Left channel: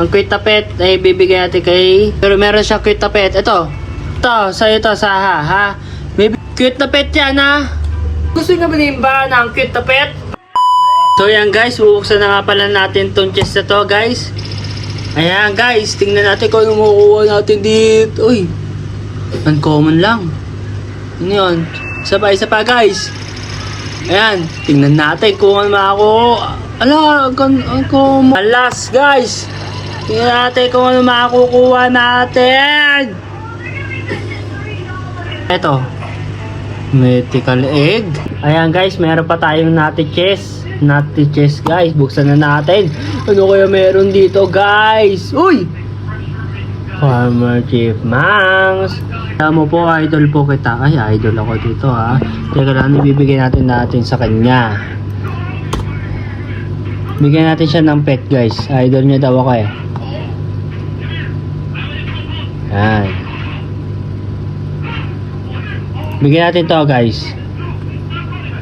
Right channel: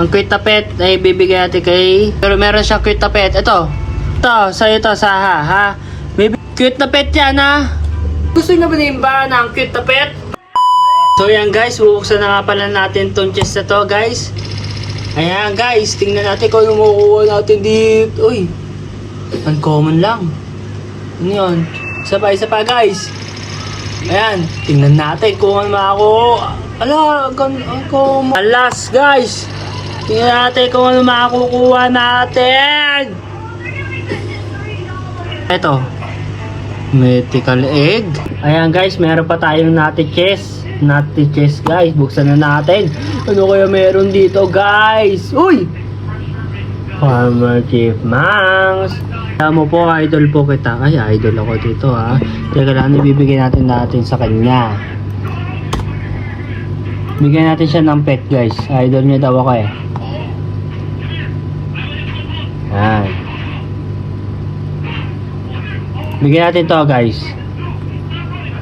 Ang cute na pet ay bibigyan natin kay... Pero meron siyang cute na pet. Ito. Ito, sa'yo to, Saha, ha? Baby, cute pet yan, ha? Gusto niyo ba ba ng cute pet? So yan guys, bubuksan na nga pala natin tong chest na to guys. Ayan guys, tingnan natin kung ano makukuha natin dito. Uy, uncommon lang. Ano yun? Isa pa, isa pa guys. Ayan, tingnan natin kung ano makakuha. Ala, ang ang common. Alas guys, tingnan natin kung ano makukuha natin. Eto, mythical egg. Ayan guys, meron pa tayong nati chest. Nati chest guys, buksan na natin. Ano kaya meron dito guys? Uy! Farmer Chief Mangs. Alam mo po, idol po kita. Ay, idol ako dito ha. Teka lang, ibibigay natin natin sa kanya. Bigyan natin siya ng pet guys. Idol niya daw ako eh. Yan. Bigyan natin to guys.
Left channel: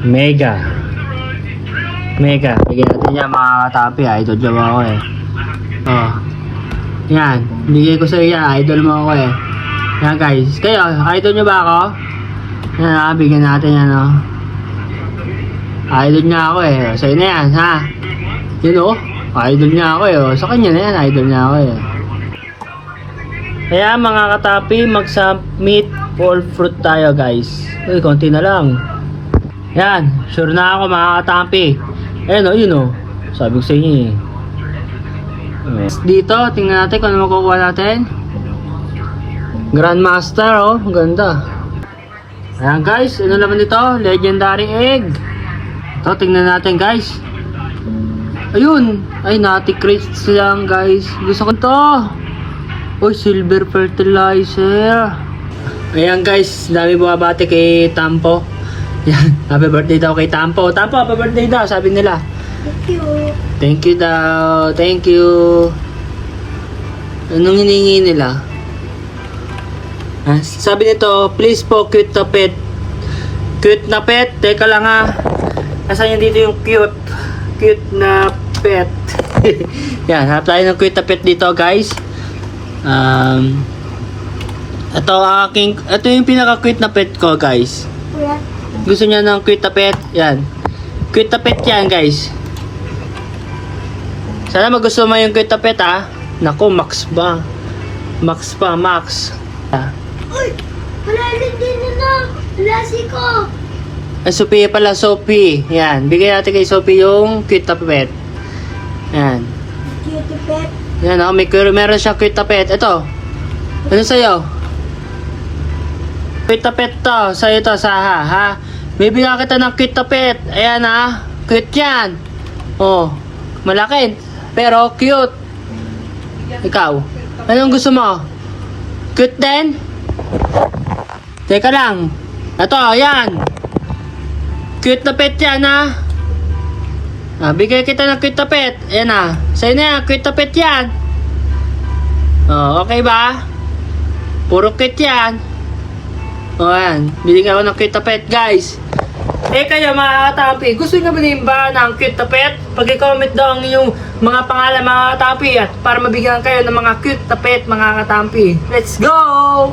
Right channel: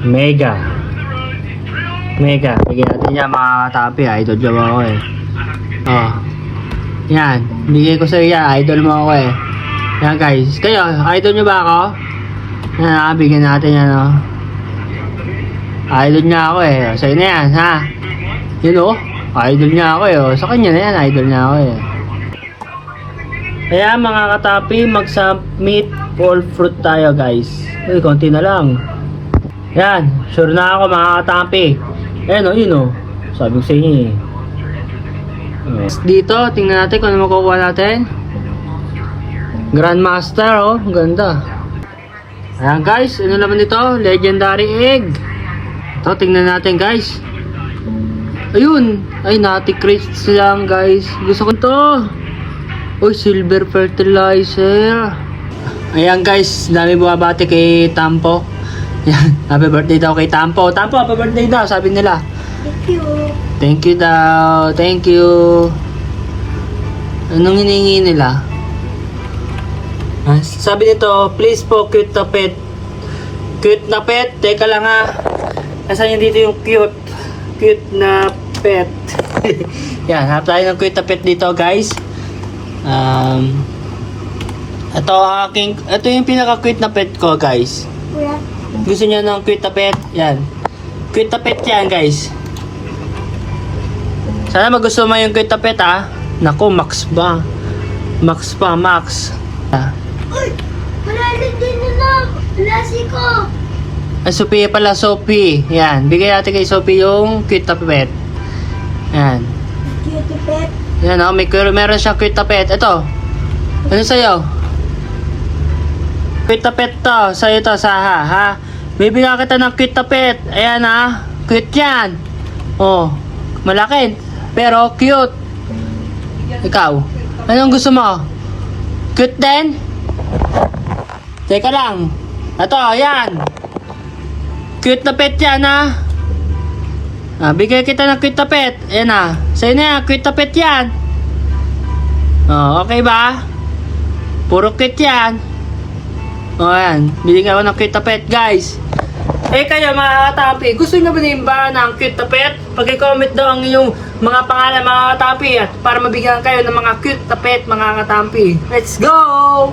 Mega. Mega. Bigyan natin yan mga tapi. Idol ko ako eh. Oh. Yan. Bigay ko sa iya. Idol mo ako eh. Yan guys. Kayo, idol nyo ba ako? Yan ah, bigyan natin yan oh. Idol niya ako eh. Sa'yo na yan ha. Yun oh. Idol niya ako eh. oh. Sa kanya na yan. Idol niya ako eh. Kaya mga katapi, mag-submit all fruit tayo guys. Uy, konti na lang. Yan, sure na ako mga katapi. Ayan o, yun o. Sabi ko sa inyo eh. Dito, tingnan natin kung ano makukuha natin. Grandmaster oh, ganda. Ayan guys, ano naman ito? Legendary egg. Ito, tingnan natin guys. Ayun, ay nati crisps lang guys. Gusto ko to. Uy, silver fertilizer. Ayan guys, dami bumabati kay Tampo. Yan, happy birthday daw kay Tampo. Tampo, happy birthday daw, sabi nila. Thank you. Thank you daw, thank you. Anong hiningi nila? Sabi nito, please po, cute na pet. Cute na pet? Teka lang ha. Asan yung dito yung cute? Cute na pet. Yan, hanap tayo ng cute na pet dito guys. Um, ito aking, ito yung pinaka-cute na pet ko guys. Gusto niya ng cute na pet? Yan. Cute na pet yan guys. Sana magusto mo yung cute na pet ha. Nako, max ba? Max pa, max. Uy! Rin din na lang! Lasi ko! Ay, Sophia pala, Sophie. Yan. Bigay natin kay Sophie yung cute na pet. Yan. Cutie pet. Yan oh, may meron siyang cute na pet. Ito. Ano sa'yo? Cute na pet to. Sa'yo to, Saha, ha? Bibigyan kita ng cute na pet. Ayan ha. Cute yan. Oh. Malaki. Pero cute. Ikaw. Anong gusto mo? Cute din? Teka lang. Ito, ayan. Cute na pet yan ha. Ah, bigay kita ng cute na pet. Ayan na. Sa'yo na yan, cute na pet yan. Oh, okay ba? Puro cute yan. Oh, ayan. Binigyan ko ng cute na pet, guys. Eh kaya mga katapi, gusto nyo ba ba ng cute na pet? Pag-comment daw ang inyong mga pangalan mga katapi at para mabigyan kayo ng mga cute na pet mga katapi. Let's go!